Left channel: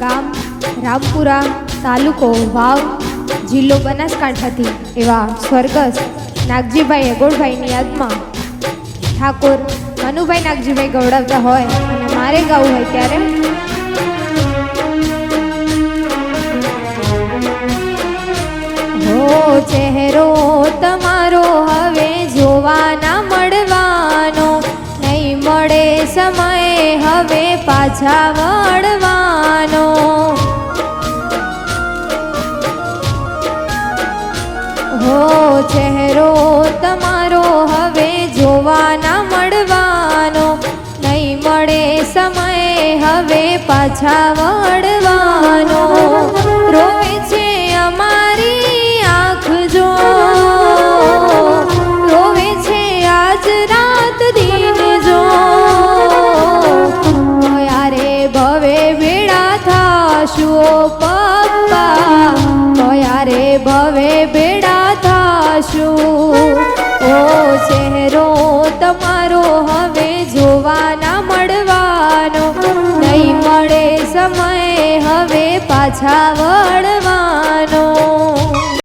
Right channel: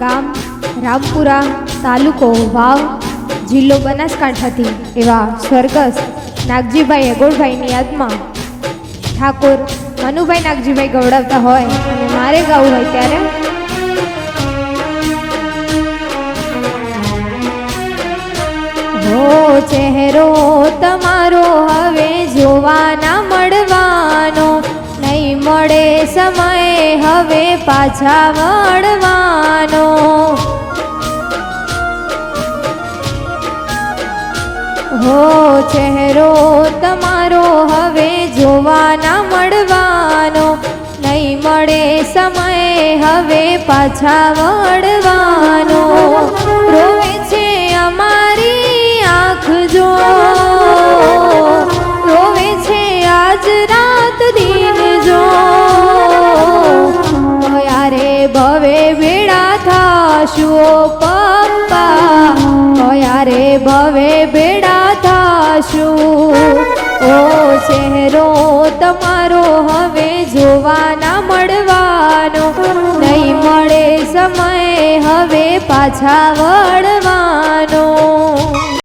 ગામ, રામપુરા તાલુકો વાવ જિલ્લો બનાસકાંઠાથી એવા સ્વર્ગસ્થ નાગજીભાઈ અગોળભાઈની યાદમાં ઠાકોર મનુભાઈ નાગજીભાઈ ગવડાવતા હોય અને મારે ગાવું હોય ત્યારે ચહેરો તમારો હવે જોવાના મળવાનો, નહીં મળે સમય હવે પાછા વળવાનો હો ચહેરો તમારો હવે જોવા ના મળવાનો. નહીં મળે સમય, હવે પાછા વળવાનો. રોવે છે અમારી આંખ જો. છે આજ રાત દિન જો. યારે ભવે ભેળા થાશું થાશું ઓ ચહેરો તમારો હવે જોવાના મળવાનો. નહીં મળે સમય હવે પાછા વળ.